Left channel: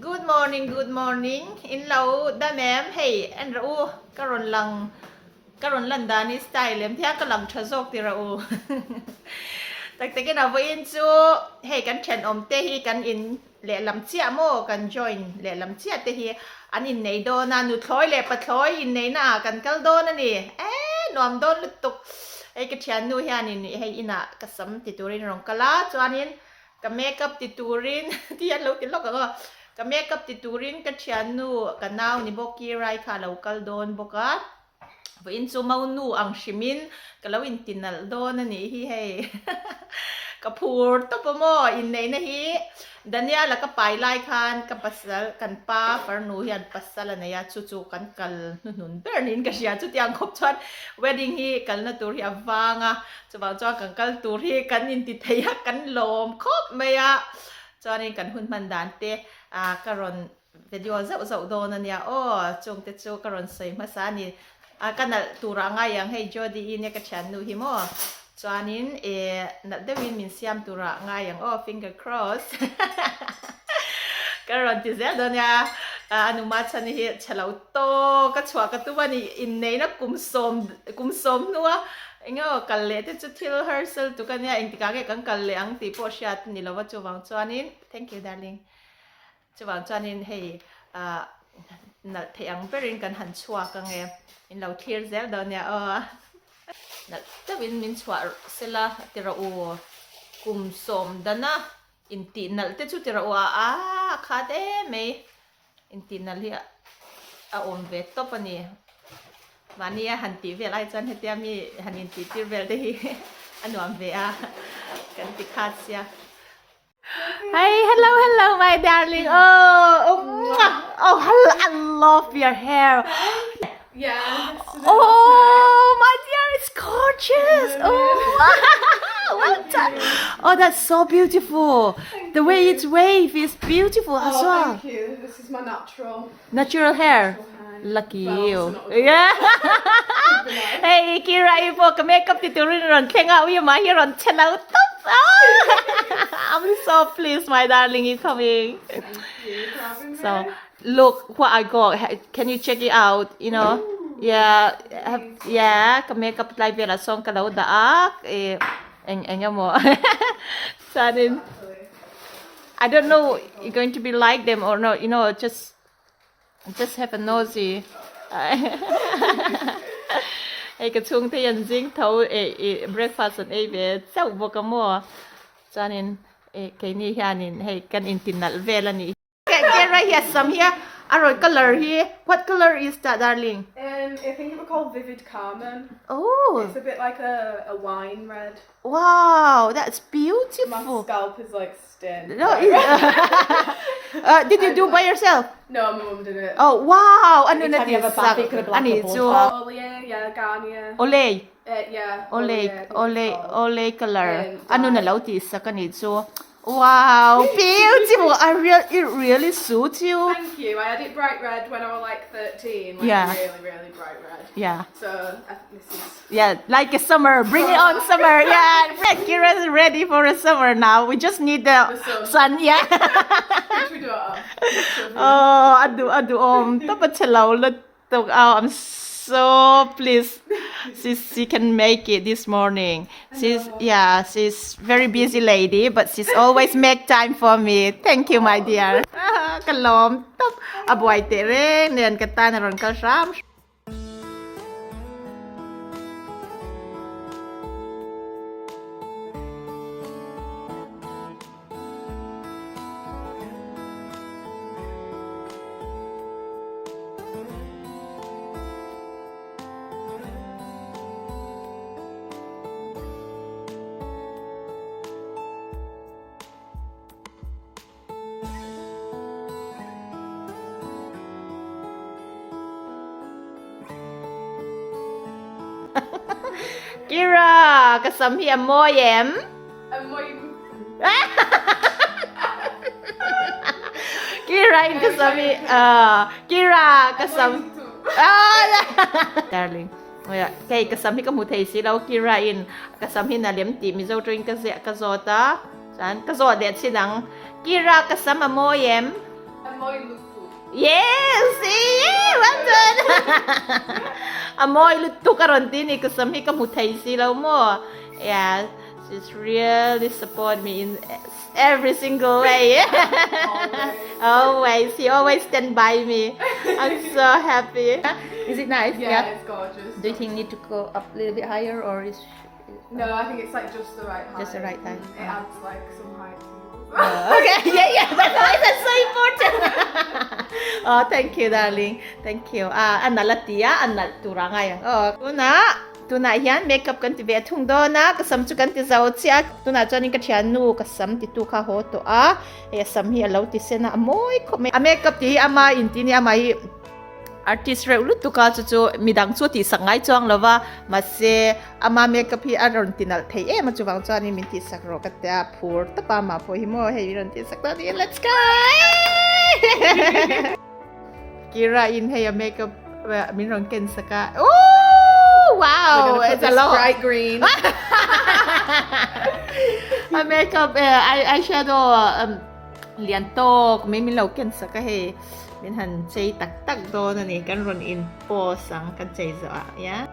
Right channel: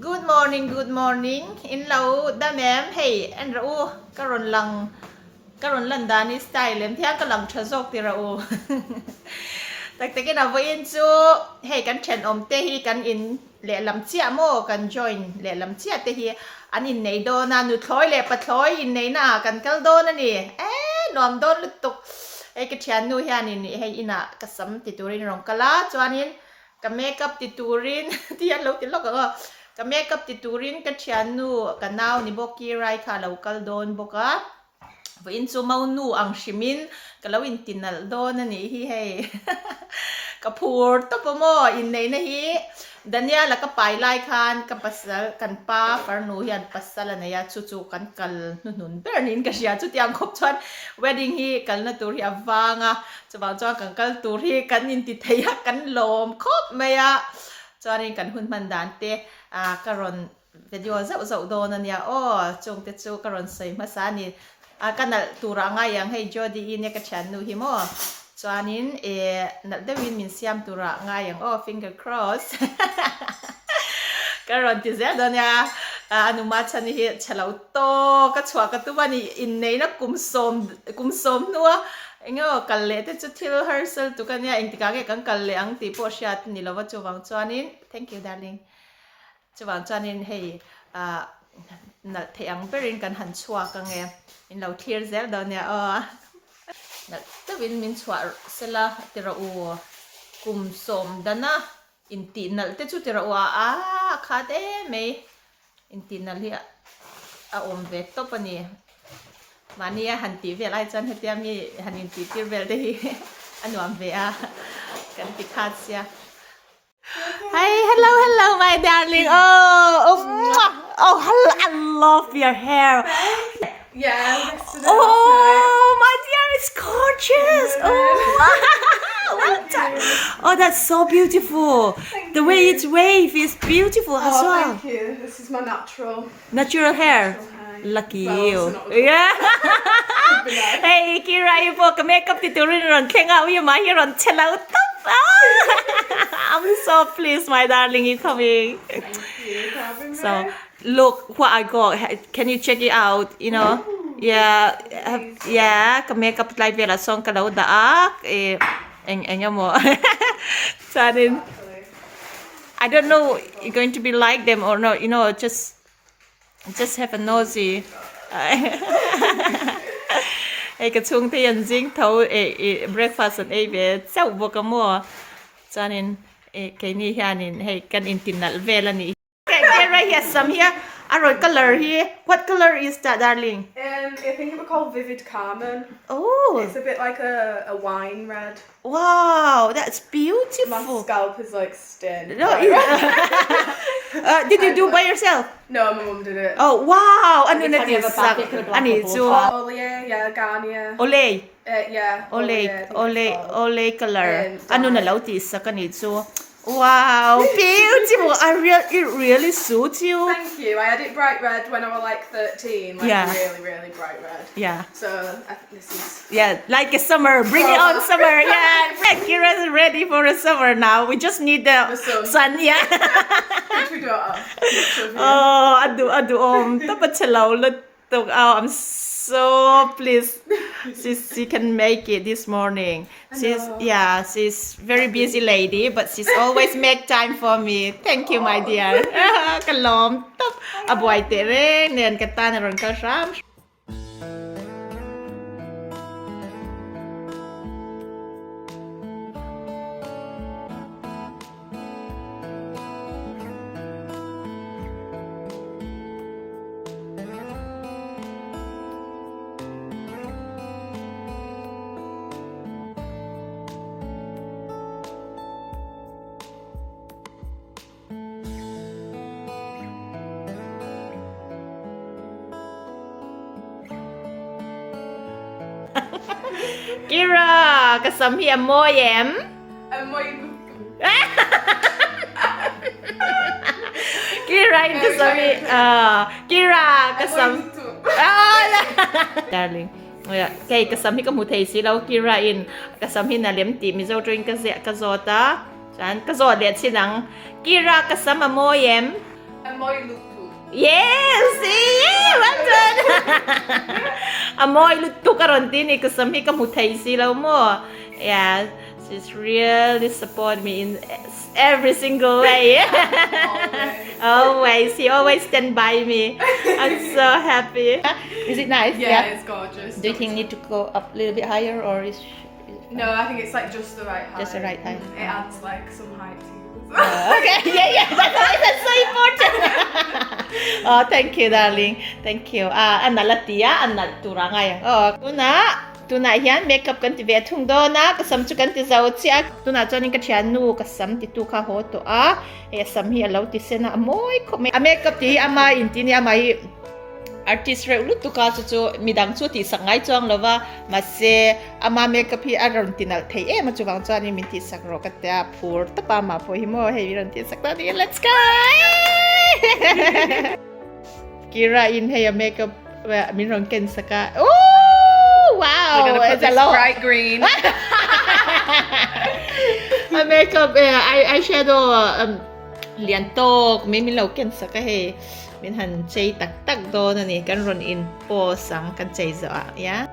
Good morning, good morning. In lau da mem hey en rau karon lan dani style lem thia ka lang thazok ti rau. Tak tak na voin chu hey kan chen om te hi kan in le lam chia mo kan join le lam chia te hi an in nei do na nu thloi le pa thloi in nei na kan kal do na ni nom don lutuk hey ka thian nu hian in hey ina ka sam ti turin rong kala chuanin ka makeup ti turin ti an lo ti lok ka ka makeup ti turin ka thian nu ka naw ni boki rai kha local don boka vo in chu mau nu ang shimin ka lo in tinal don ani hi hey ka phur to pomo in nei na hi dania la ka pai lai khan ka pasal kan pa far nu hian pasal na ya chu chu kan kal nun bernin ka sia chu tiang khop chuan wedding hi kal na tur hi awanga chuwang chuan kan kal tur hi kan in ti theia kan lom khop maya chuanin kan hun man dan te karon video zau don ania chung te chu karon sei ma sa ni kanal tura nga yang hey jodi in ka chan nu hi mo chuanin nal dewin min siam tura nga yang finger cross karon ti zel don ya anu ma chan hi chalo to ka chwa ka tu bani in nei na kum som nuwa engo kalle te chu thil herself tu kan ya eng tika ke kan kalle ang ti po shat ni lawa chuwang chuanin thank you darling chuwang chuanin hey nal theang berin kan han chua ka nge in lo thier zel don ya nal tawin min chua sela tira u kum som dana in ti nal te chu tira u kha te me in ti nal hi om ve to pani mania han ti vel ai chan hetia mi han in ti tir vel de hi anuam ve kan ti khat sia hi hello my darling hello, I love your hair Yeah. My dear, it's gorgeous. Well done. That's so beautiful. The way it's wave is beautiful as well. Thank you. This is my Natural hair. Lucky you. Yeah. Hey, Kira, you put makeup tutorial on King out your my here on Chelo top. I'm so pleased, my darling, you coming. So, look what I got. Can you check it out? You know, yeah. Ka makeup like vela song ka daw daak eng mo. Sanin. I don't know you're going to be like them or not. You know, just have a nosy. Hey, ka chung te yan jing thau breakfast and ve chau bo ka mo. Sanin kay ni hianin hey kan intinal vela ni. Get right here, some here. Alright, color here. What color is that, darling? I think it was called Vivid Carmen. Oh. It's a bit like a wine red. Wow, that's My beautiful. scalp is like stained. No, did you do by yourself? No, my mum did it. Oh, wow. Ano na din sa? Ano ito? Olay, yeah, Garnier. Olay. Yeah. Olay color. Ano na law ti sa kanito? Wow, beautiful. It really suits you. Thank you. I had it bright red when I was like 13. Like really, really bright red. Yeah. So I think this is... Yeah, like a summer. Bring it on, summer. Yeah, Kira's ready for a summer now. We just need the sun. Yeah. Which we don't have. Adu Dapat salaw lutok. I'm so pleased she can make it this morning. She's very busy lady, but she's always make time for me. Thank you, my dear. Kalom top abuay tere niyan kata naron kasam. Kira, kasami mo yem. Kira in kasami. Kira kasami. Darling. Kay kasami ka mutay silaw Kira in kasami na lemti mizo drink kasi kazota. San kazota sinang Kira kasama mo yem. Amoy lupu. Yes, yeah, well done. Amoy luto karon din eh kasami kamutay sila mo. Yeah, she's really support me in every single way. Always, he always stand by me. I'm so happy. Is it nice? Yeah, it's gorgeous. Do you think need to go up a little bit higher or is No, I think it's like just the right height. Just the right height. It adds like some height to it. Okay, yeah, that's so important. Oh, thank you, darling. Thank you. Anna latia, anna turangay. Oh, tuna yan makeup kan ti vetung do na kasam chu kan ti zau chia tuna chonin ka thian nu kasam ti tu kha ho to e sam hi alo ti sena amoy ko me makeup ti ama in ti ni ama hi artist re ulu tu ka chu midang chu ti sangai chong lawa ma se ama makeup hi aron tinal thei e ma chu wang chani min ti sak ro ka ta phur ta pa ma pho hi mo hei ron ti sak ta ni let's go Kira in hey makeup min ron ken saka oh wow it's a lot bright green. makeup eyeshadow lian tok min lo ken saka he min han chei tak do na ni kan ron in po sang kan chei zo ya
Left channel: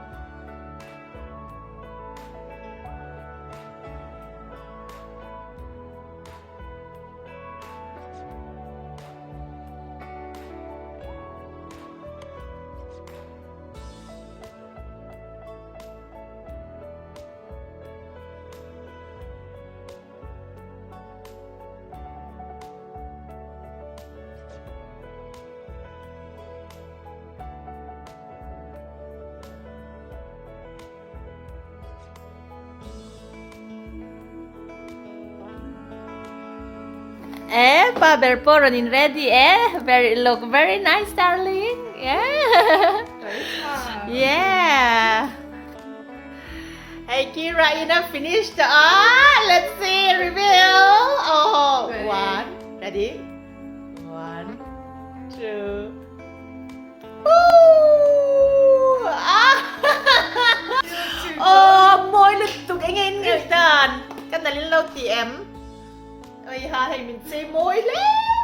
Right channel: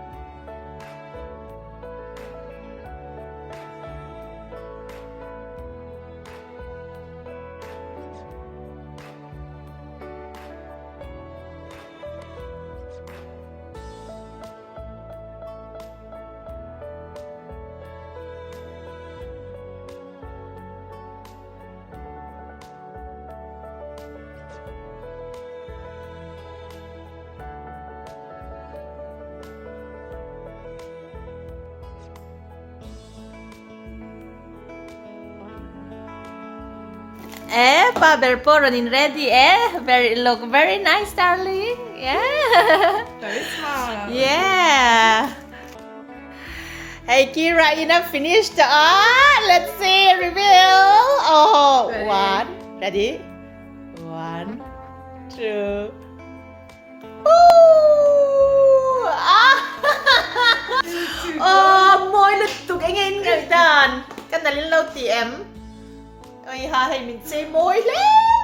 Paber poronin ready look very nice darling yeah Very smart. yeah hey Kira enough finished let's see reveal Ready? One ready 1 2 môi lụt tục anh em người đàn cái này lên lâu tiệm ôi ha hay mình xây môi lắm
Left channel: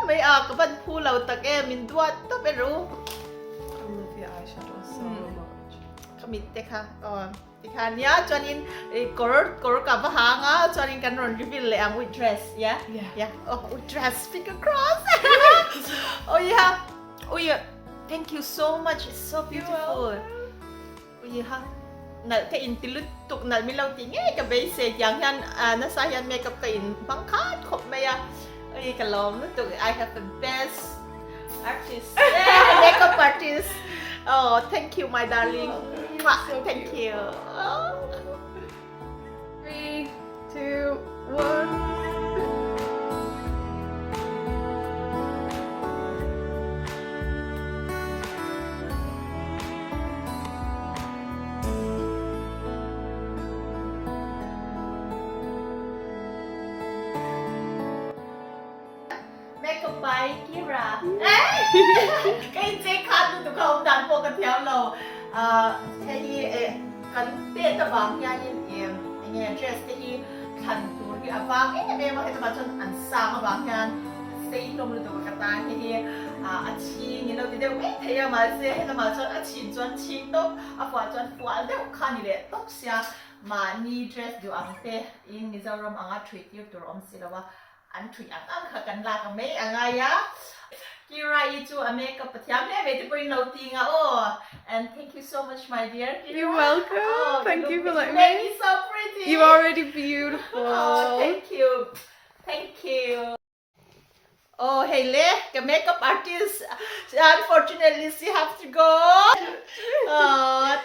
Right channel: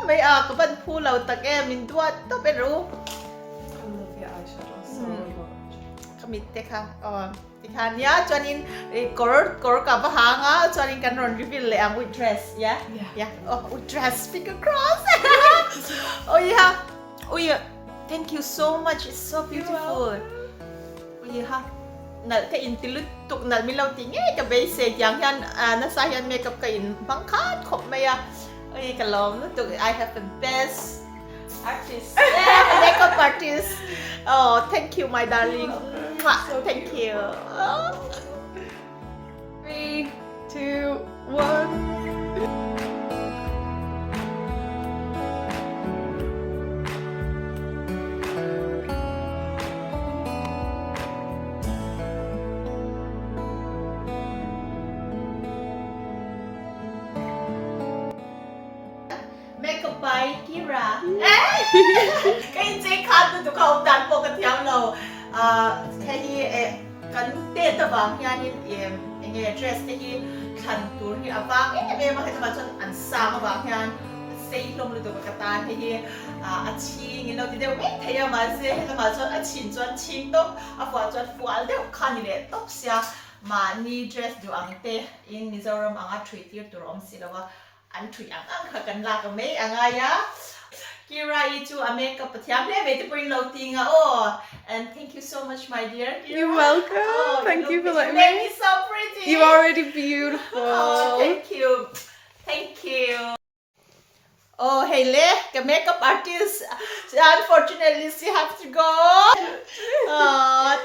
mấy có bên phu lâu tắc em mình đuat tóc bên ru I love your eyeshadow so much. kami teka teka niya cho nên kor ka ba hanga cho nên kan ron reveal le ang with dress yeah with dress finger cross oh yeah thank you so much it's so beautiful oh yeah na ka in tilut tuk na milaw tinge ka basic yang yan nasa yan makeup ka in bangkat khawpmai ay kalom no tuk I have the best artist makeup artist oh thank you my darling thank you 3, 2, 1. makeup by Kira cái chế khăn tụi không đàn bộ cái theo lầu thế thì cái tên tụi bạn nha nên nghe dress thế thì khăn tụi thì vàng nghe mà hay tụi bạn chọn ăn sang vàng nha xây lông được cái ta thế thì chi nghe lâu thì đều biết thấy mà sẽ tụi bạn chọn chín chọn chín tóc phụ chọn phụ đều khăn như vậy tóc xia mà ni dress do ang te in Mizoram anga treat you to rom sila wa an thui ang khakan la ka me anga ya Kira itu a makeup pathiam le me te prin lo tinga and thank you so much my dear Kira. You're welcome. Thank you for letting me me. so pretty You're already beautiful. Thank you oh hey le the makeup artist unfortunately she have to go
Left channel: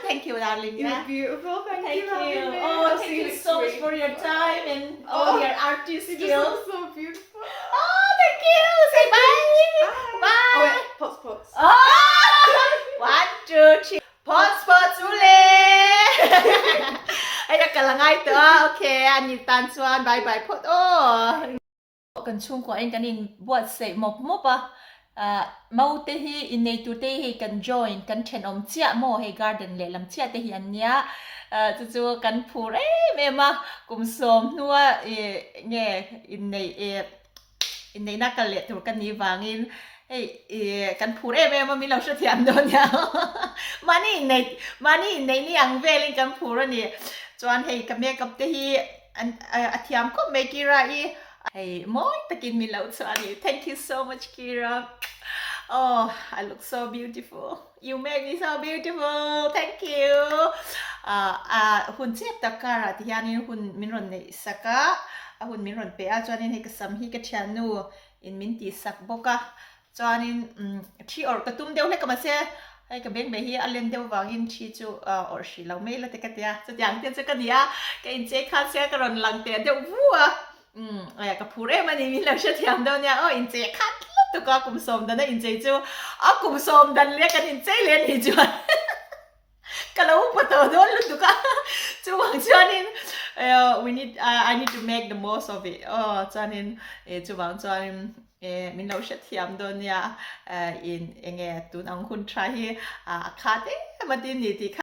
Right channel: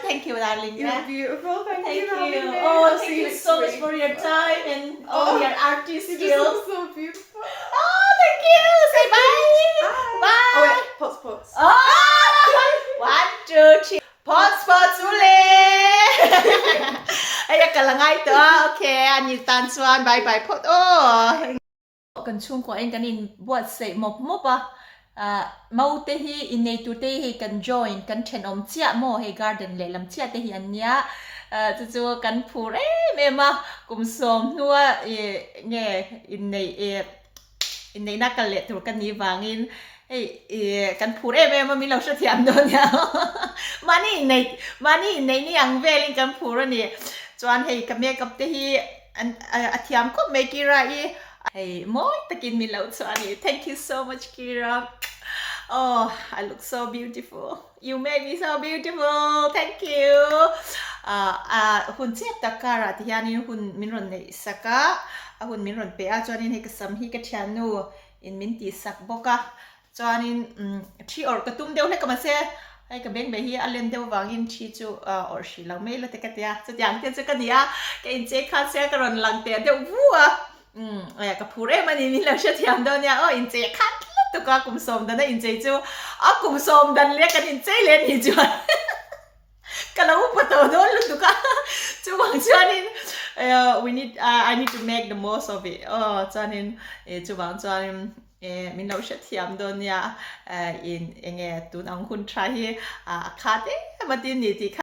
thank you darling You're beautiful. Thank you for having me. thank you so much for your time and all your artist You just skills look so beautiful. thank you say bye bye Oh wait, pots. 1 2 3 pots ule ay kalangay to okay anil tansuan bye bye pot kan chung ko anh kanin buat say mop mau te hi in nei tu te hi kan join kan chen om chia mo he garden le lam chia te hi an nia chu kan phur me ma kum som nuwa nge in nei inneihna kan le tur kan ni wangin hei kan phur em mi lo sha thiam do nia mani nei ni ang velin kan phur ani chuan hei ka makeup te hi an athiam ko me kira I hei moi takin mi lo chuani thank you so much Kira. Oh, I look so beautiful. You make me so beautiful. Thank you. Hun siap takara tihanin hun minron nei saka. Hun minron pe a chuanin hei kasam hi ka thianu in min ti sak boka. Chuanin thi or katum deuh le kamase hei ka beng be hi alem deuh wangin thi chu or shi lang mai la te ka tia chutyang te chu kania ka in che kha se ka ron lang te deuh vua ka phure mani min lo sha thiam do nia in che khat tu ka kum som dan in che chu kum som dan le kan in che le ni chuan kalau pato don lu tu ka chu wang chuanin I need to make the most of it chuanin chu wang chuanin min lo sha thiam do nia in enge tun ang hun try hi khat matin ni ti khát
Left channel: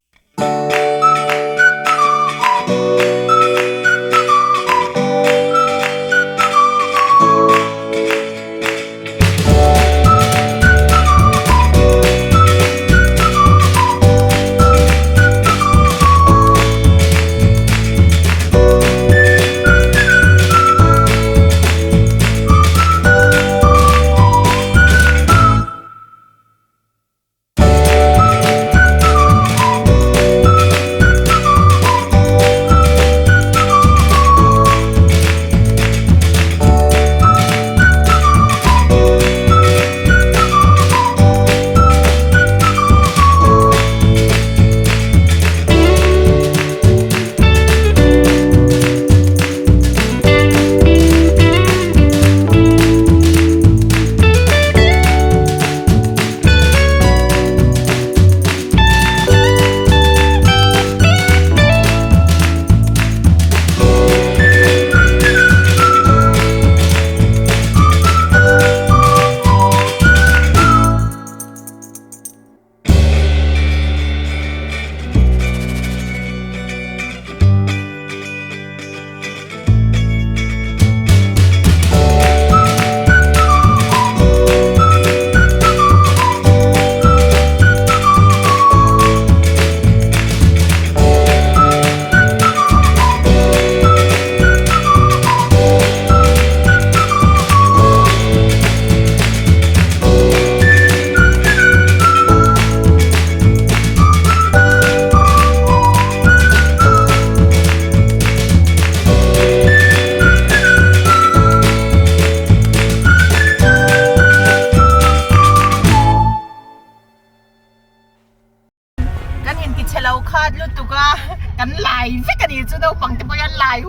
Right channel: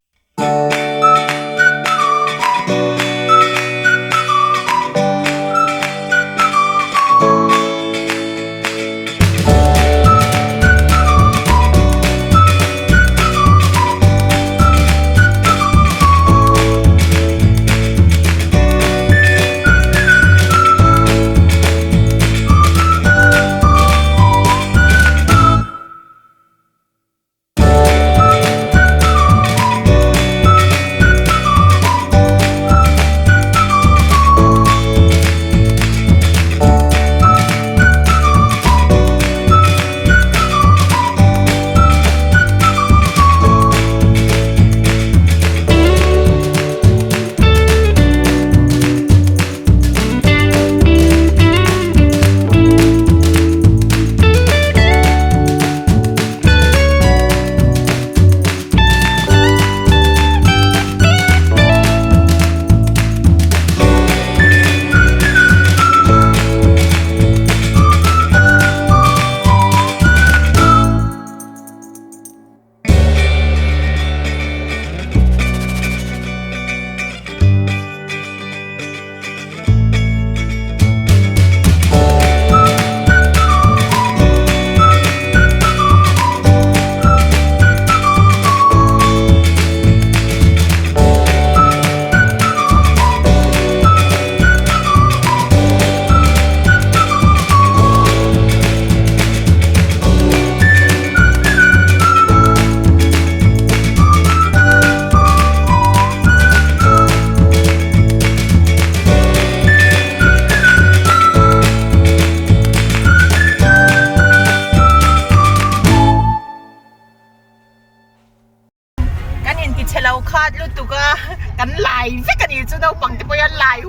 luôn tụi ca cắn lại với cái gì chứ đâu bằng cái bôi ăn lại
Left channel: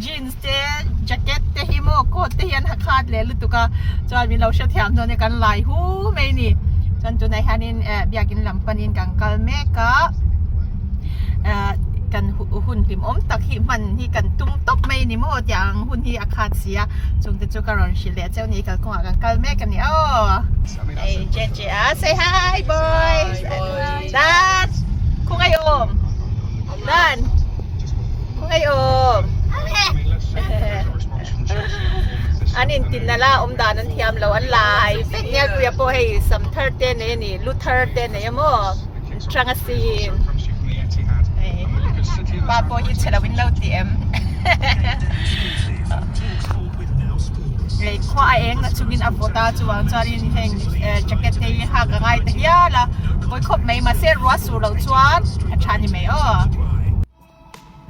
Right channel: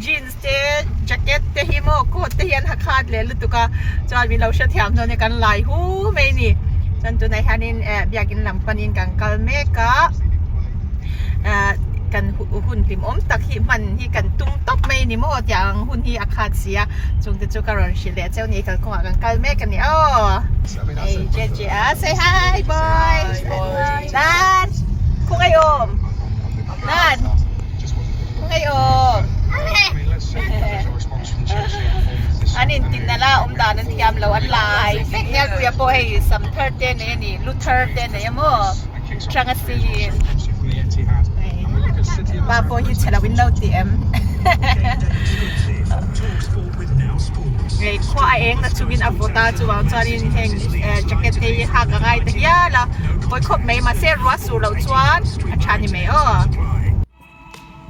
jeans te jacket te hi mo coat te hian khát le luôn tụi ca cho mình lâu sẽ thèm rồi cắn lại mấy nè chân tụi này hanin biagin làm panin càng kalme kaกันหุ่นติมอมตักหิมันที่กันตุ้มตบไม่นี่มั่วจังหุ่นที่อาคาเซียจงจะจุกรอนชิเลเจ้านี้กันคงกันกัลเมกันนี่เฮ้ยเจเจsay hi boy Dan คุงไอโอมDan คุงไอโอมอันนี้ตินนั่นละดานันเทียมเราอันไลน์เนี่ยกูอยากให้สัมเทอร์เดนนี่ลูเทอร์เดนนี่มั่วทรังซีนบาโปฮิตเชลวินเลาเตียมไอ้ข้าเองนะจูวินอัปโปตาจูวางจารินเฮงแจ็คเก็ตเที่หักง่ายแต่ยาละบอยคบไม่มาเซรัวสูเราจวนอาชานี่ไม่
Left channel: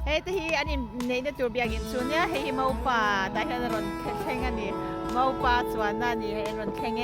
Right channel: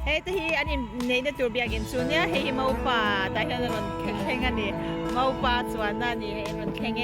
เฮ้ยที่อันนี้ในตัวเบียกินส่วนเนี่ยเฮ้ยมาอุปาแต่เห็นรอนแข่งอันนี้มาอุปาจวนนั่นนี่รอนแข่ง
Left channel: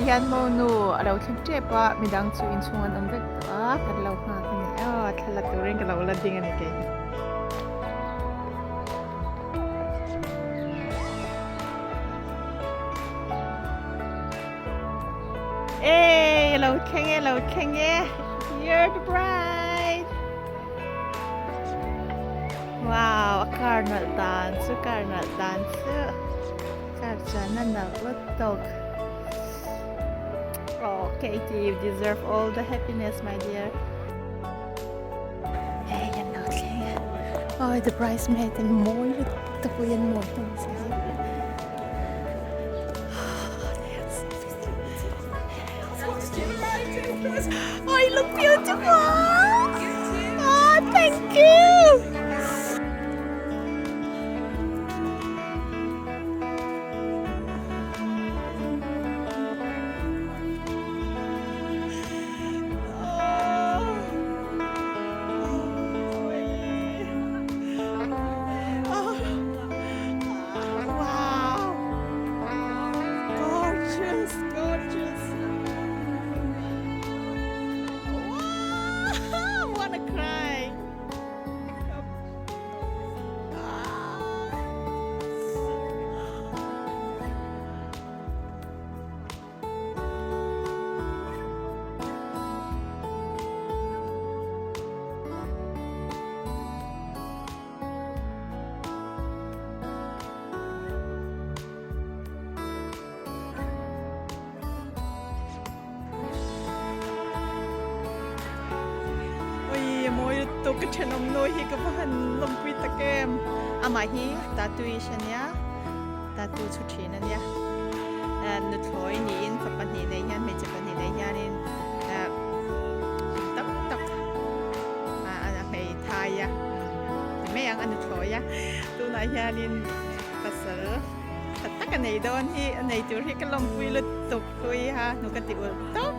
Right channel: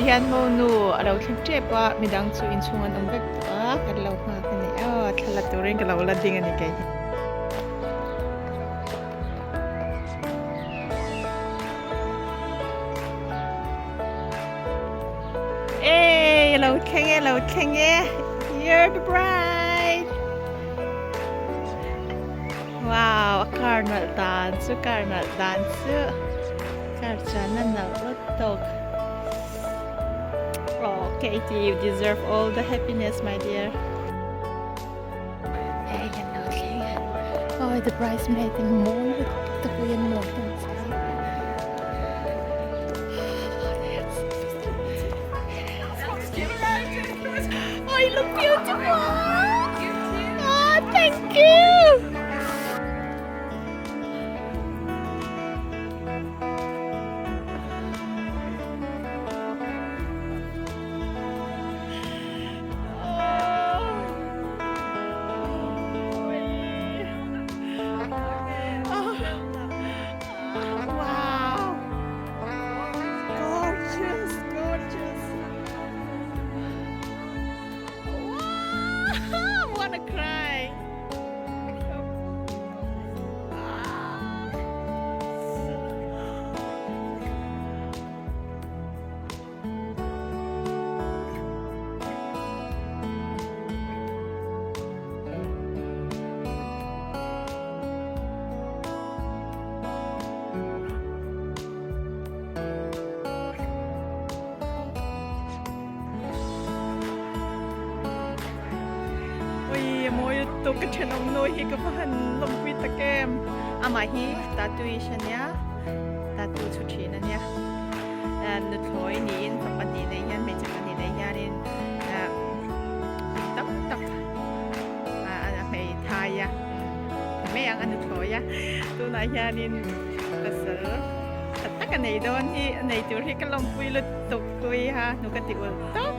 Yan mo no, alaw siyempre pa, midang su insungan ang vector, kalaw nga kani, kalaturin, kalaw ladingan ni kay. Hey, alaw kenge, you're the bride. Wow, a carnal dance, Karchana na utog. Oh, Katie, you deserve all the happiness, my dear. Hey, hello, King. Oh, the bridesmaid and more. The boy and more. Oh, you look beautiful. Oh, thank you. Wow! Gorgeous! Wow! I wanna cry! Ôi, mỗi tổ cái chân ông nuôi hi cái phần lồng quy ta kem, mà hi tattoo chân nhá, tattoo chút chi nè nhá, nút thổi nín, tập bản nín này nhá, mấy chục bản nín này nhá nên, tóc, mấy thai ya, mấy anh nút thổi ya, tu này nhá nên, ta sợ, tất cả này đó hi, này chỗ hi cái lồng quy lụt tục quy ha, nút cái tiểu tóc.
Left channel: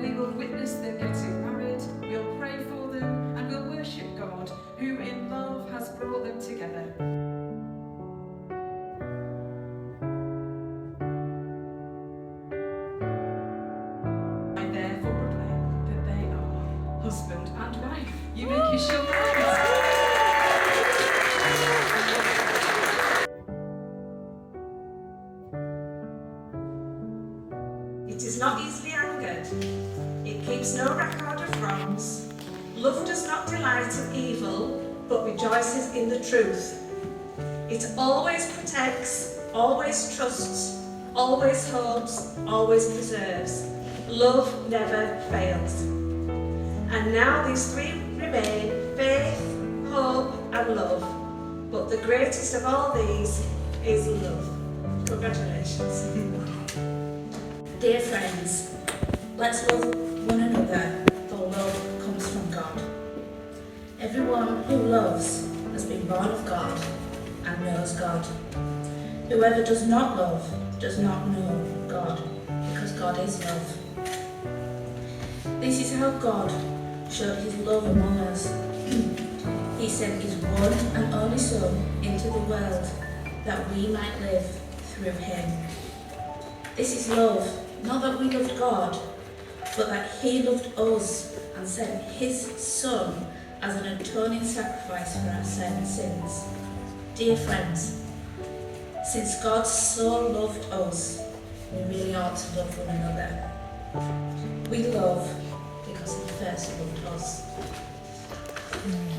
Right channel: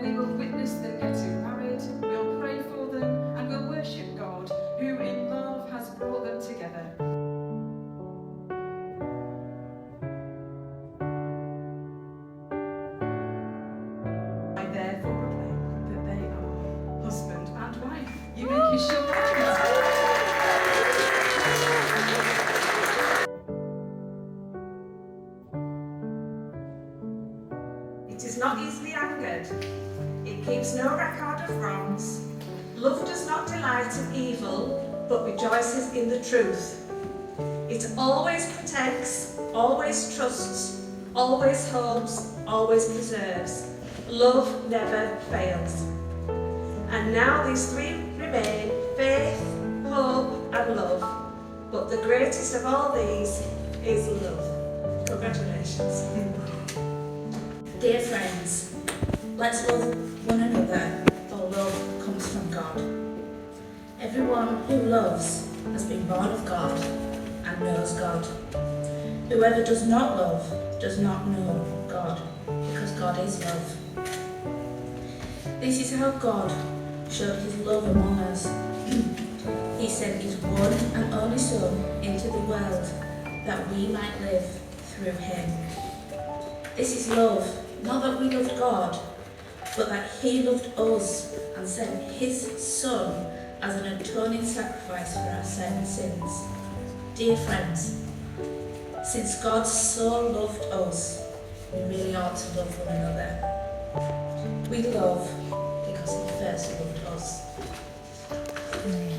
We will witness them getting married, we'll pray for them, and we'll worship God, who in love has brought them together. I therefore proclaim that they are husband and wife. You may kiss your wives. It is not easily angered. It keeps no record of wrongs. Love does not delight in evil, but rejoices in the truth. It always protects, always trusts, always hopes, always preserves. Love never fails. And now these three remain: faith, hope, and love. But the greatest of all these is love. Congratulations. Dear friends, let's love one another, for love comes from God. Everyone who loves has been born of God and knows God. Whoever does not love does not know God, because God is love. This is how God showed his love among us. He sent his one and only Son into the world that we might live through him. This is love, not that we loved God, but that he loved us and sent his Son as an atoning sacrifice for our sins. Dear friends, since God so loved us, we really ought to love one another. We love because he first loved us. Amen.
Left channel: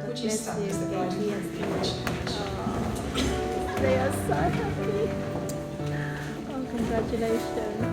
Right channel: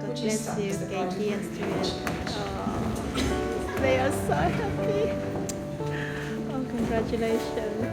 God Would you bless stand you, as the bride Katie and and groom Steve. They are so happy. Oh, congratulations.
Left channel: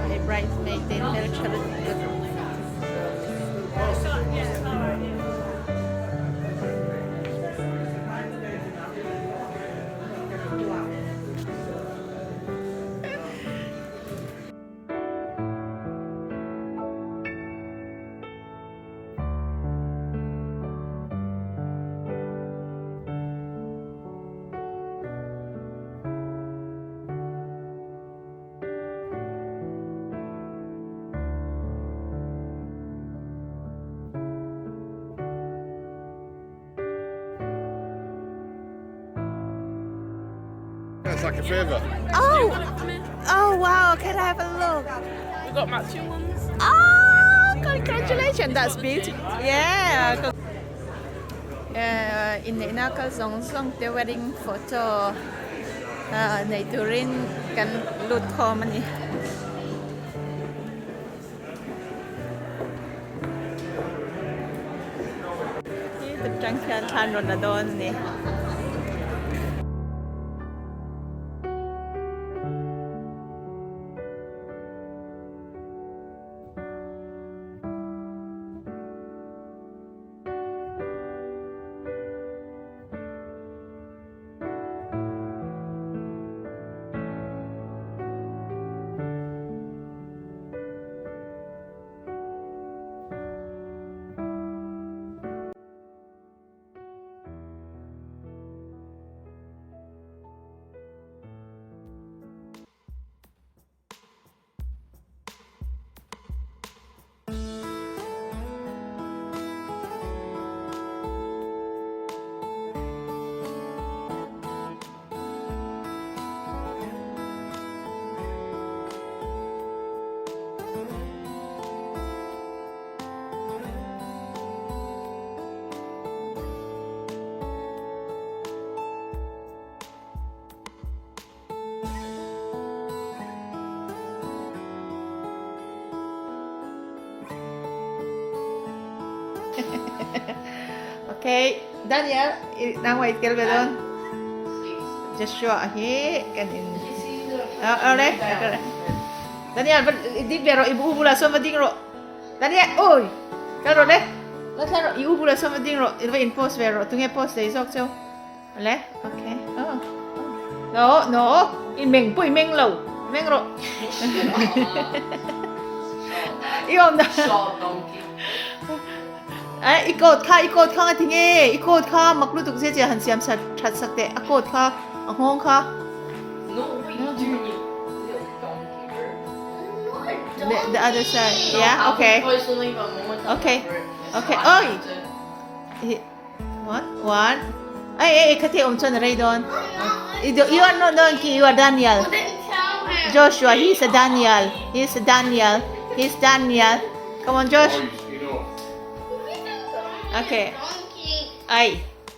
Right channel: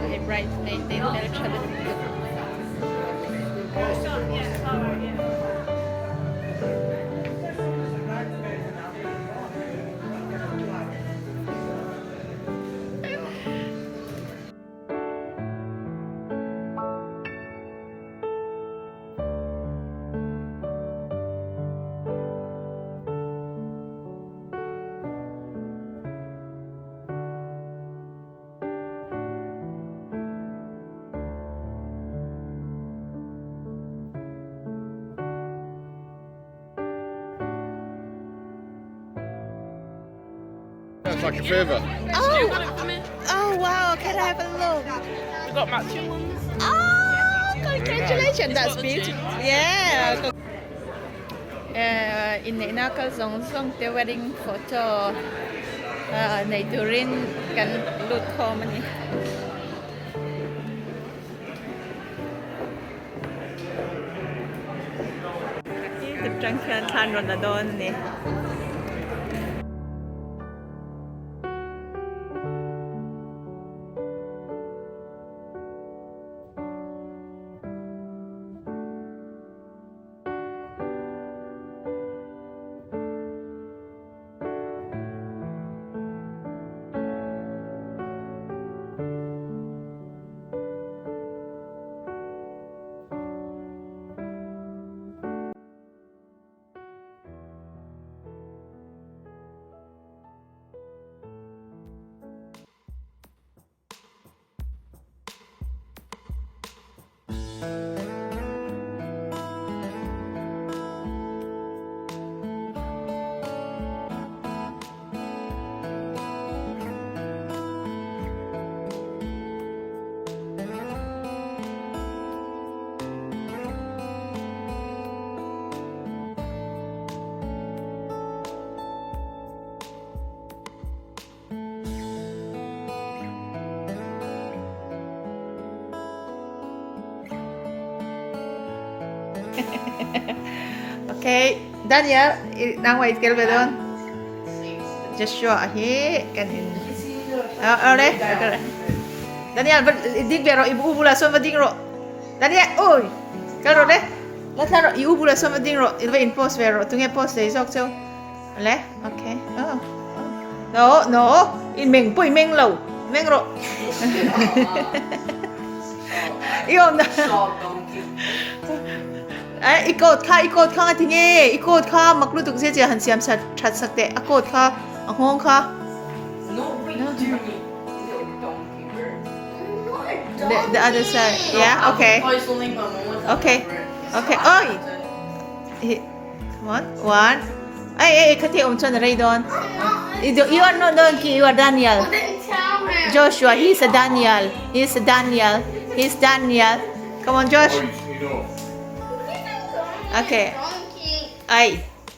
My bridesmaid in their charity. It's like a favour. Oh wow, can I have a look? We got matching ones. Oh, congratulations, that's beautiful. Yeah. Inneihna có giống the wedding photo này during kan lut ko man. Ini terjangkau tan Ramadan ni. Okay, Daniel, now I tell bedon. Joshua here kanin. Ole, Daniel, di pero ibu bula so mading ro. Daniel, oy. Karo de. แล้วถ้าเราอยู่บุรีสมดิ้งเราไปอินโพสเวอร์ตรงนี้โพสได้ซอกเจ้าอะไรโอเคno in เมงปุ้ยเมงเราเมงเราอีกนะikot ka nga tinge ikot ka maklutuk se je han siam sa that sakte akot ka ahong ka No, we do little donkey bird. the other side yeah okay Okay. Oi. Come on one ay kati omchon rai don you are not donkey you are Daniel Joshua he's a Daniel come on Josh okay ay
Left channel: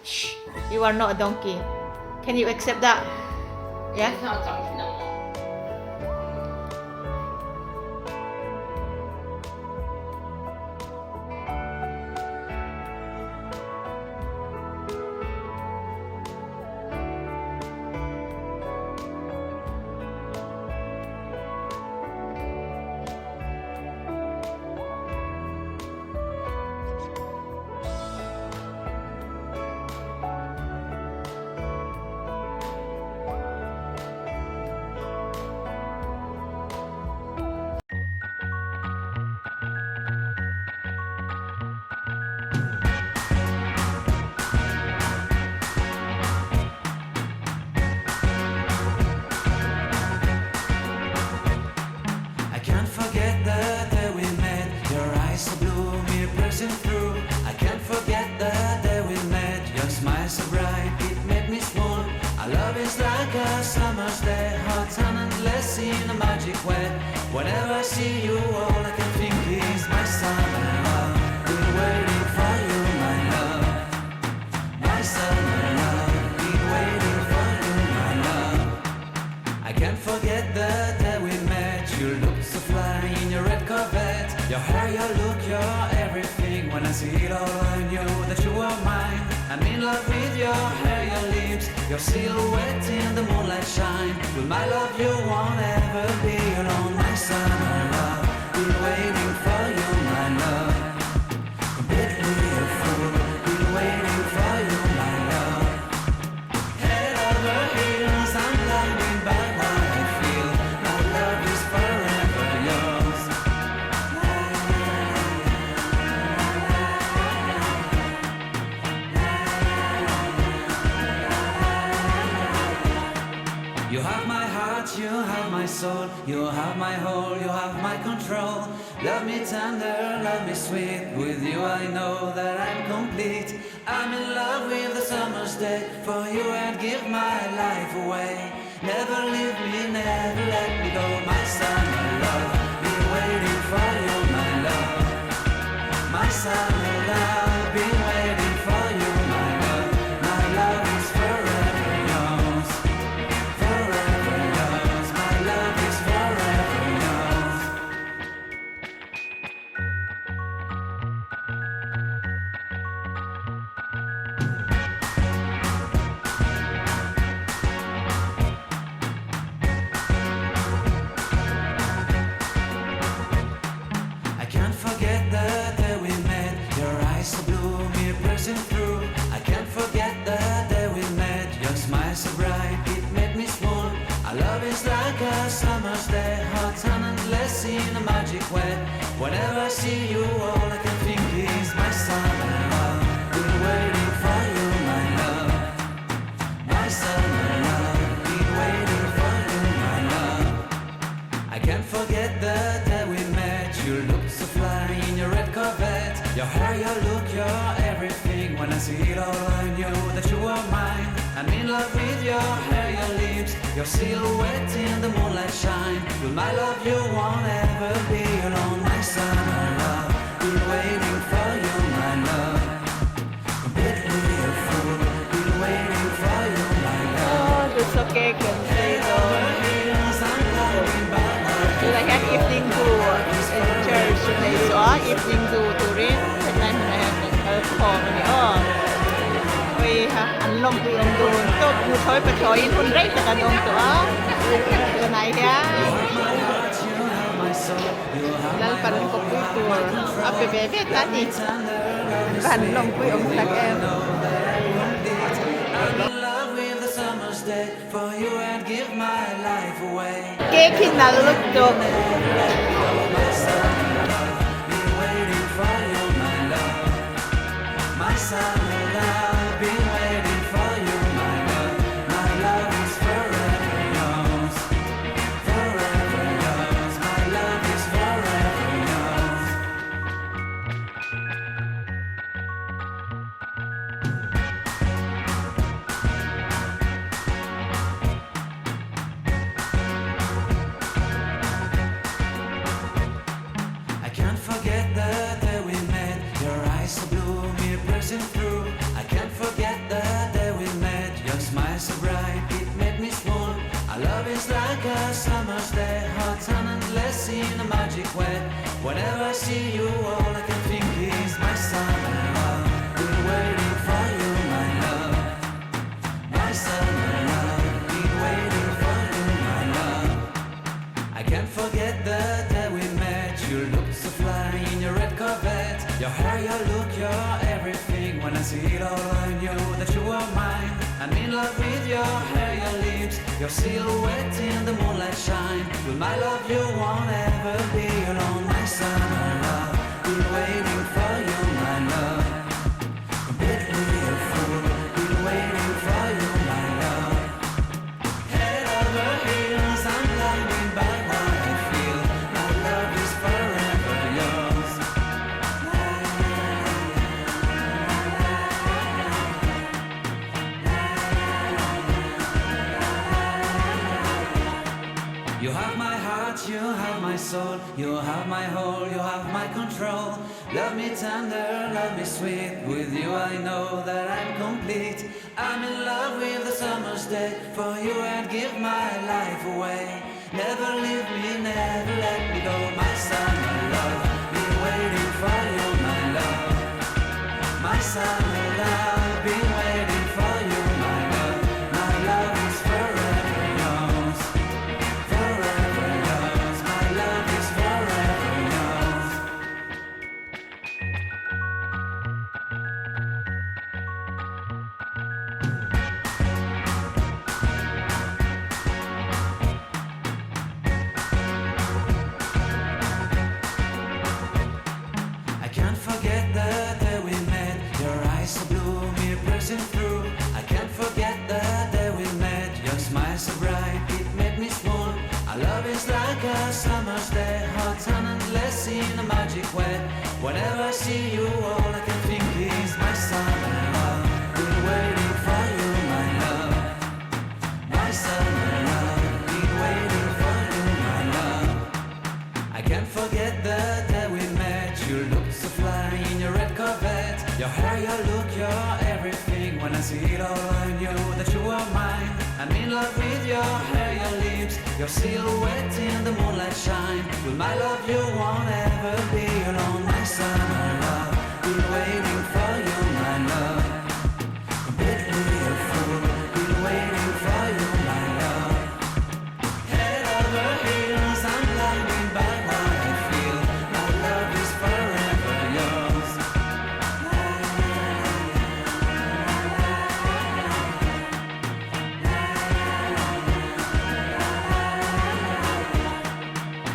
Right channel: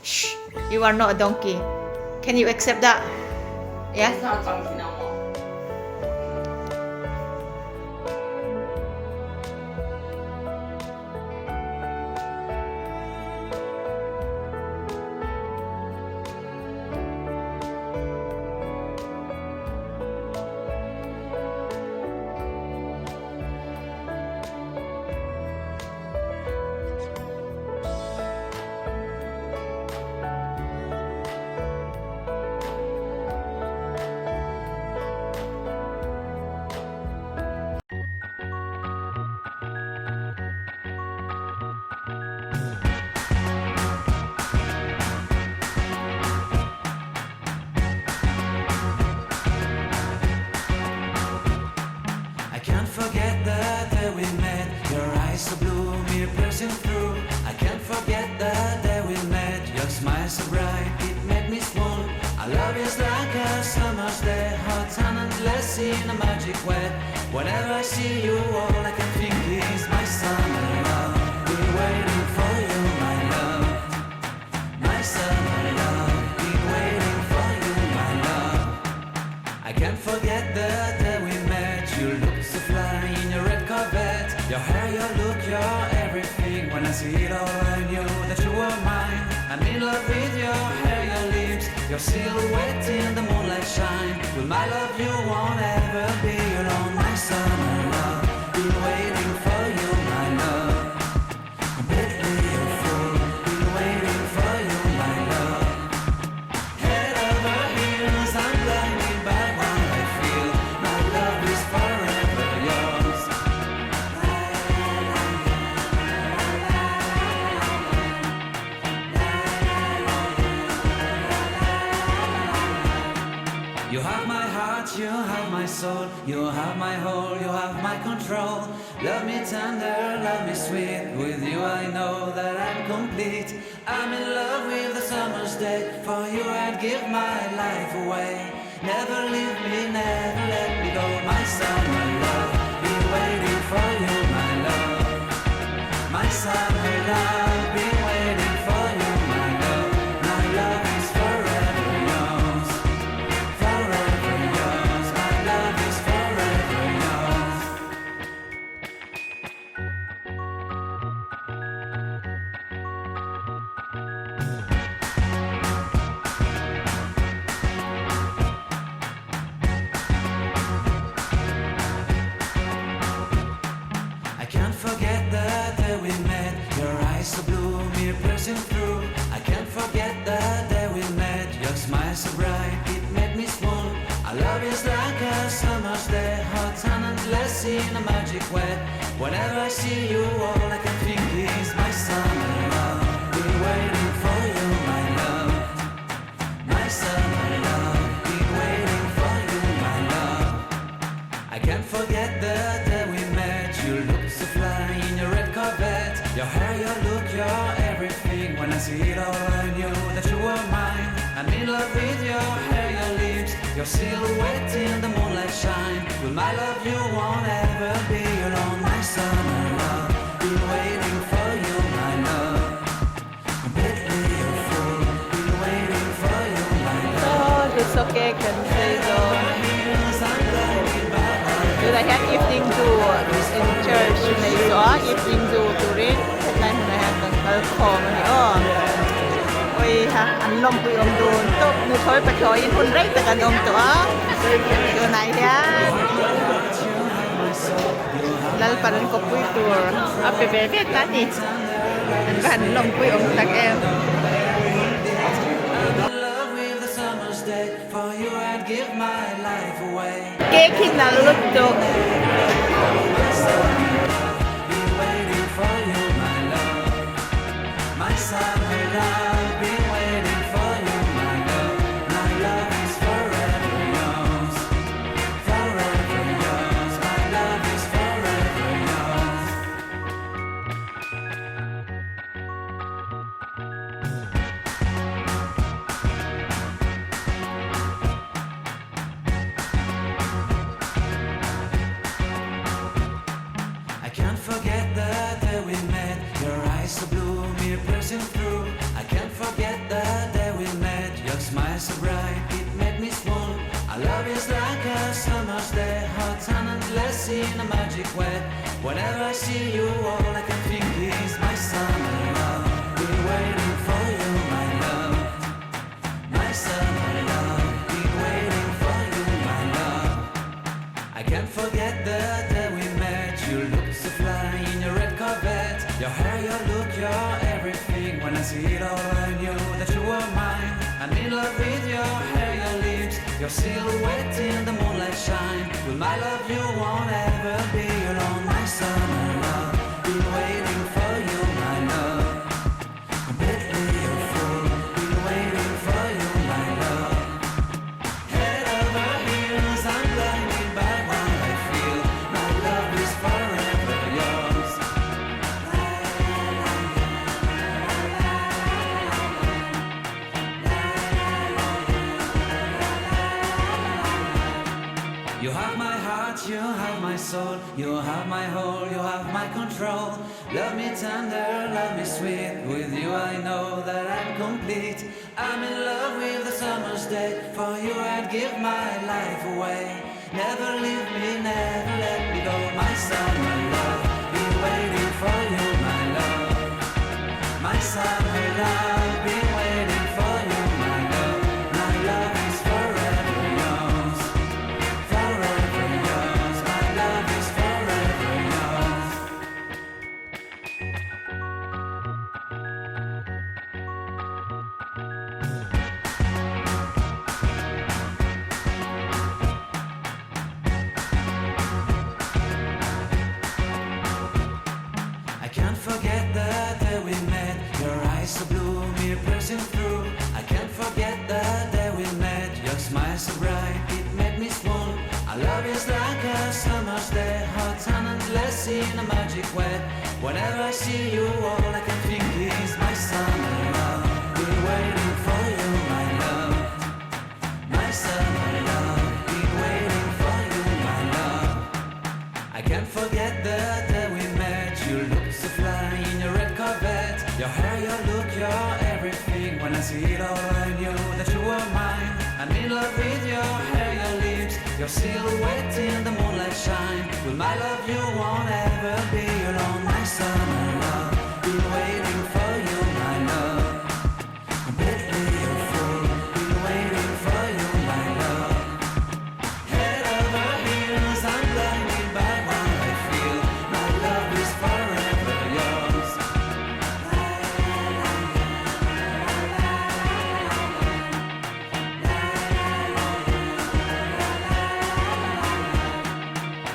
shh you are not a donkey can you accept that yeah It's not donkey no more. I can't forget the day we met. Your eyes so blue, me pressing through. I can't forget the day we met. Your smile so bright, it made me swoon. Our love is like a summer's day, hot and endless in a magic way. Whenever I see you, all I can think is my summer love. Been waiting for you, my love. My summer love. Been waiting for you, my love. I can't forget the day we met. You looked so fly in your red Corvette. Your hair, your look, your everything. When I see it all, I knew that you were mine. I'm in love with your hair, your lips, your silhouette in the moonlight shine. With my love, you won't ever be alone. My summer love, been waiting for you, my love. Completely a fool, been waiting for you, my love. Head over heels, I'm blinded by what I feel. My love is forever yours. You have my heart, you have my soul, you have my whole, you have my control. Love me tender, love me sweet. With you I know that I'm complete. I'm in love with the summer's day. For you I'd give my life away. Never leave me, never let me go. My summer love, been waiting for you, my love. My summer love, been waiting for you, my love. My love is forever yours. Forever yours, my love is forever yours. I can't forget the day we met. Your eyes so blue, me pressing through. I can't forget the day we met. Your smile so bright, it made me swoon. Our love is like a summer's day, hot and endless in a magic way. Whenever I see you, all I can think is my summer love. Been waiting for you, my love. My summer love, been waiting for you, my love. I can't forget the day we met. You looked so fly in your red Corvette. Your hair, your look, your everything. When I see it all, I knew that you were mine. I'm in love with your hair, your lips, your silhouette in the moonlight shine. With my love, you won't ever be alone. My summer love, been waiting for you, my love. Completely a fool, been waiting for you, my love. oh it's okay can say so Heels, I'm blinded by my Because I had evening to in church maybe or evening to read headline when I had the call on the ôi ha anh long quy ông đồn tốt như thôi phải cho in hôn rách tất cả đông tụi này You have my heart, you have my soul. soul. You have Lal my paran ko whole, pui you have tour. my control. Ape bebe tani. An ban long pui om tak em. I'm in love with the summer's day. For you I'd give my life away. Ke kinaluk to. My summer love, been waiting for you, my love. My summer love, been waiting for you, my love. My love is forever yours, forever yours. My love is forever yours. I can't forget the day we met. Your eyes so blue, me piercing through. I can't forget the day we met. Your smile so bright, it made me swoon. Our love is like a summer's day, hot and endless in a magic way. Whenever I see you, all I can think is my summer love. Been waiting for you, my love. My summer love, been waiting for you, my love. I can't forget the day we met. You looked so fly in your red Corvette. Your hair, your look, your everything. When I see it all, I knew that you were mine. I'm in love with your hair, your lips, your silhouette in the moonlight shine. With my love, you won't ever be alone. My summer love, been waiting for you, my love. Completely a fool, been waiting for you, my love. Head over heels, I'm blinded by what I feel. My love is forever yours. You have my heart, you have my soul, you have my whole, you have my control. Love me tender, love me sweet. With you I know that I'm complete. I'm in love with the summer's day. For you I'd give my life away. Never leave me, never let me go. My summer love, been waiting for you, my love. My summer love, been waiting for you, my love. My love is forever yours, forever yours. My love is forever yours. I can't forget the day we met. Your eyes so blue, me piercing through. I can't forget the day we met. Your smile so bright, it made me swoon. Our love is like a summer's day, hot and endless in a magic way. Whenever I see you, all I can think is my summer love. Been waiting for you, my love. My summer love, been waiting for you, my love. I can't forget the day we met. You looked so fly in your red Corvette. Your hair, your look, your everything. When I see it all, I knew that you were mine. I'm in love with your hair, your lips, your silhouette in the moonlight shine. With my love, you won't ever be alone. My summer love, been waiting for you, my love. Completely a fool, been waiting for you, my love. Head over heels, I'm blinded by what I feel. My love is forever yours.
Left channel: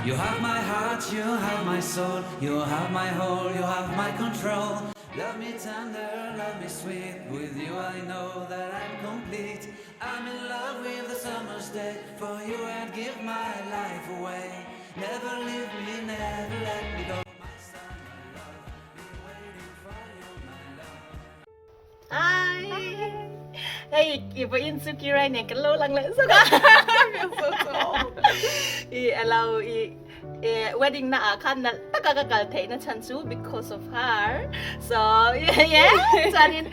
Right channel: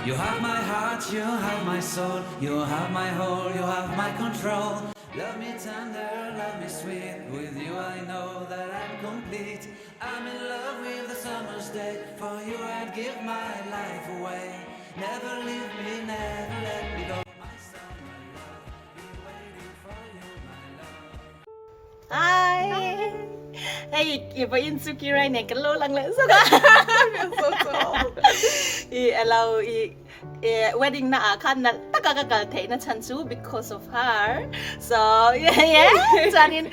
You have my heart, you have my soul, you have my whole, you have my control. Love me tender, love me sweet. With you I know that I'm complete. I'm in love with the summer's day. For you I'd give my life away. Never leave me, never let me go. My summer love, been waiting for you, my love. Hi. Hey, iba insuki right ne kan lo lang le so ka. So tall. I allow wedding na kan na taka kagagal tayo na chansu because of her. So, yeah. Sanin,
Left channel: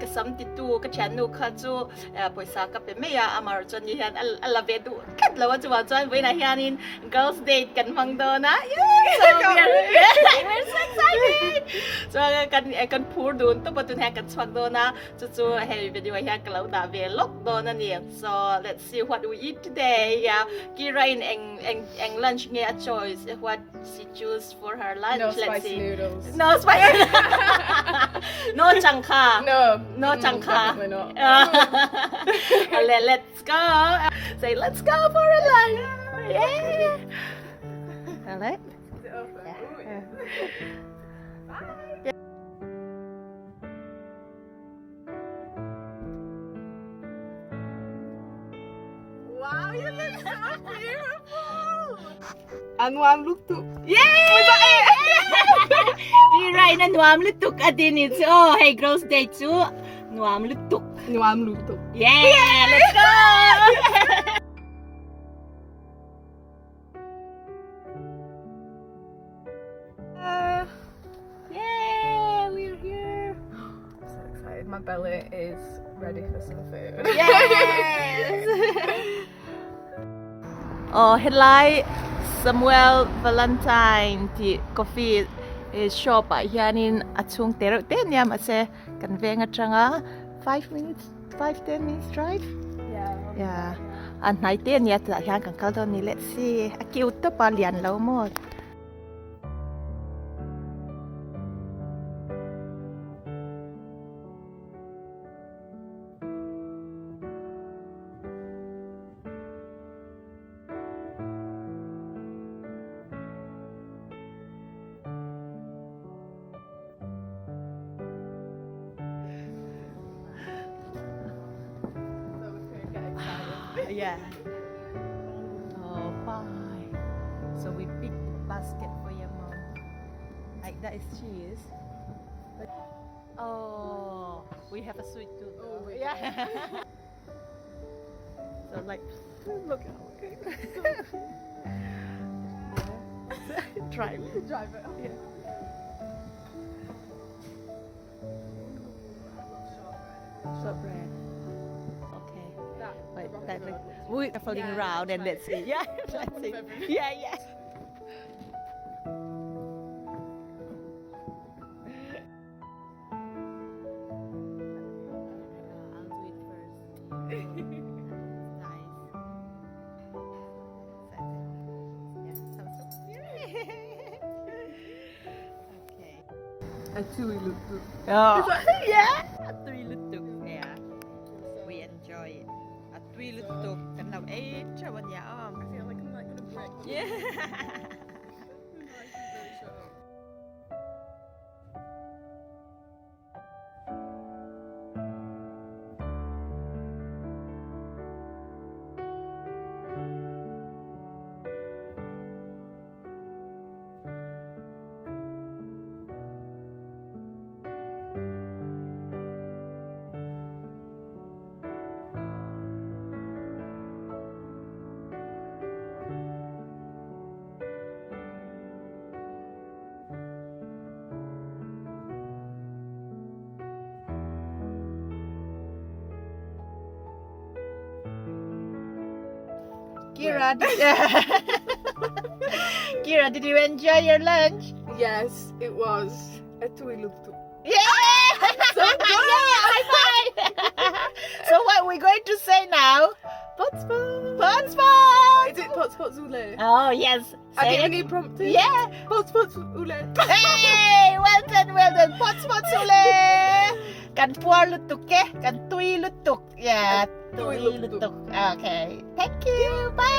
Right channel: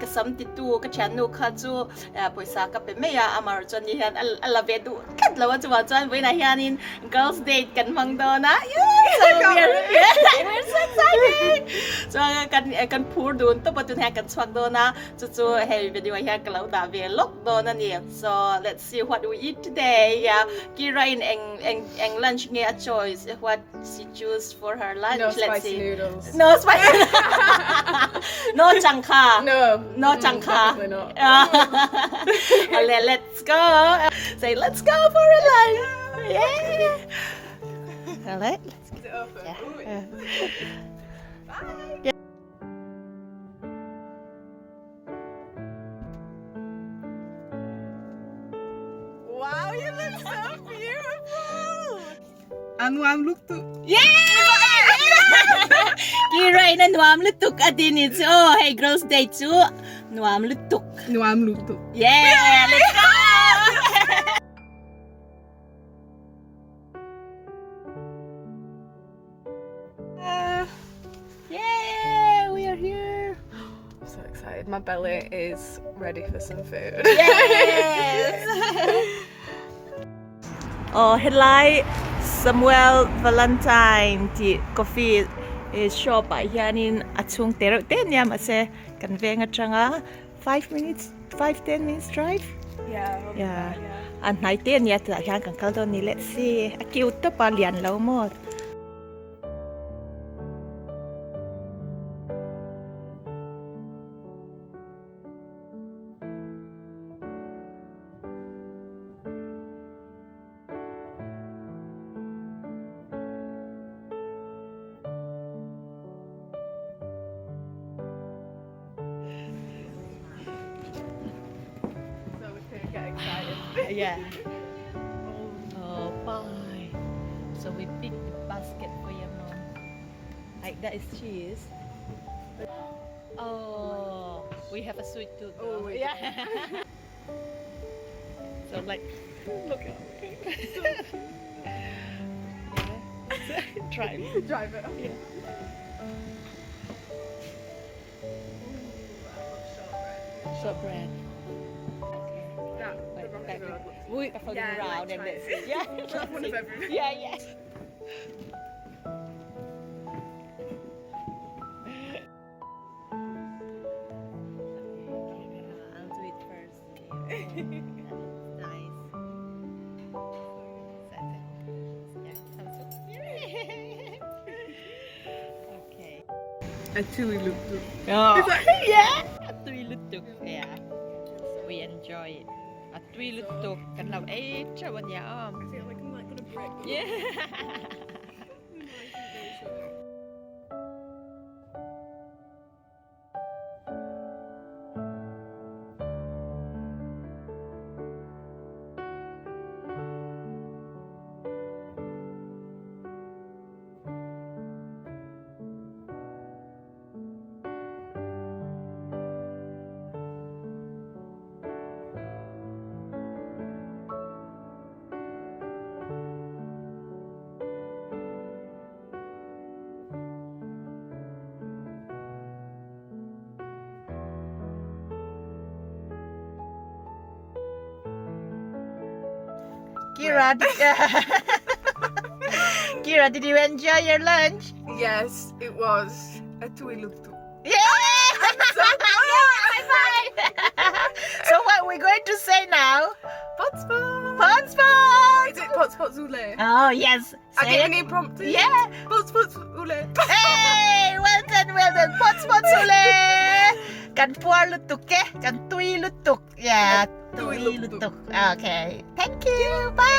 kasam titu, kachanu kachu, poisa ka pemeya, amar chan yan, alavedu, kadlawa chuwa chan, wena yanin, girls date kan mangdona. Yeah, so we're so excited. So, kan pur dun, to patun yan kan swag dona, chuchu, hey, video yan kalau da velok dona niya. So, let's see what we eat today. Yeah, Kira in eng lunch niya choice what she choose for her lunch. No Let's spicy see. noodles. No spicy. No changka. No changka. Definitely not. Let's go. Say let's go for a lunch. Yeah. All right. Is it open? Ooh, Yeah. Wow, you look so beautiful. Anwam look too. Kira na nuam lutuk adin it's oh hey girls day too nuam lutuk. Anwam look too. Yeah, let's go. Yeah, we are here. I'm so excited. My belly is ready for some food. Yes. Oh, headlight Samuel Valentine ti coffee is shop at yanin achung terok ten yam ase conveying a tranga 5 minutes 5-10 minutes drive. Yeah. And night ten yet that yan kan kaldo ni let's see a cute to palian low mo. So we're gonna get excited. Yeah. Oh, bye. So we picked the basket for your mom. Like that is cheese. But, oh, we have a sweet tooth. Oh, we yeah. So like, look out. Yeah. Try. Drive it. Yeah. Shortbread. Okay. That, the But rocky that road. we are Yeah, around yeah, and try let's it. see. Yeah. Try one of everything. Yeah, yeah. I'll do it first. Nice. Yeah, sounds good. Okay. A chewy look too. Oh, yeah. A three lutuk. Yeah. We enjoy it. A three lutuk. Kan lau cha wan ya om. I feel like I'm like gonna break. Yeah. Nice and very short. Kira, Kira, did you enjoy your lunch? Yes, it was a chewy look too. Yeah! So good! High five! So what are we going to say now? Potspot! Potspot! Is it potspot zule? Oh, yes. I Say get it. an impromptu. Yeah! Potspot zule. Hey! Well done, well done. Potspot sule! Kan puar lutuk ke? Kan tui lutuk. Yeah, Tui tui lutuk. lutuk. Okay. Thank you. Bye!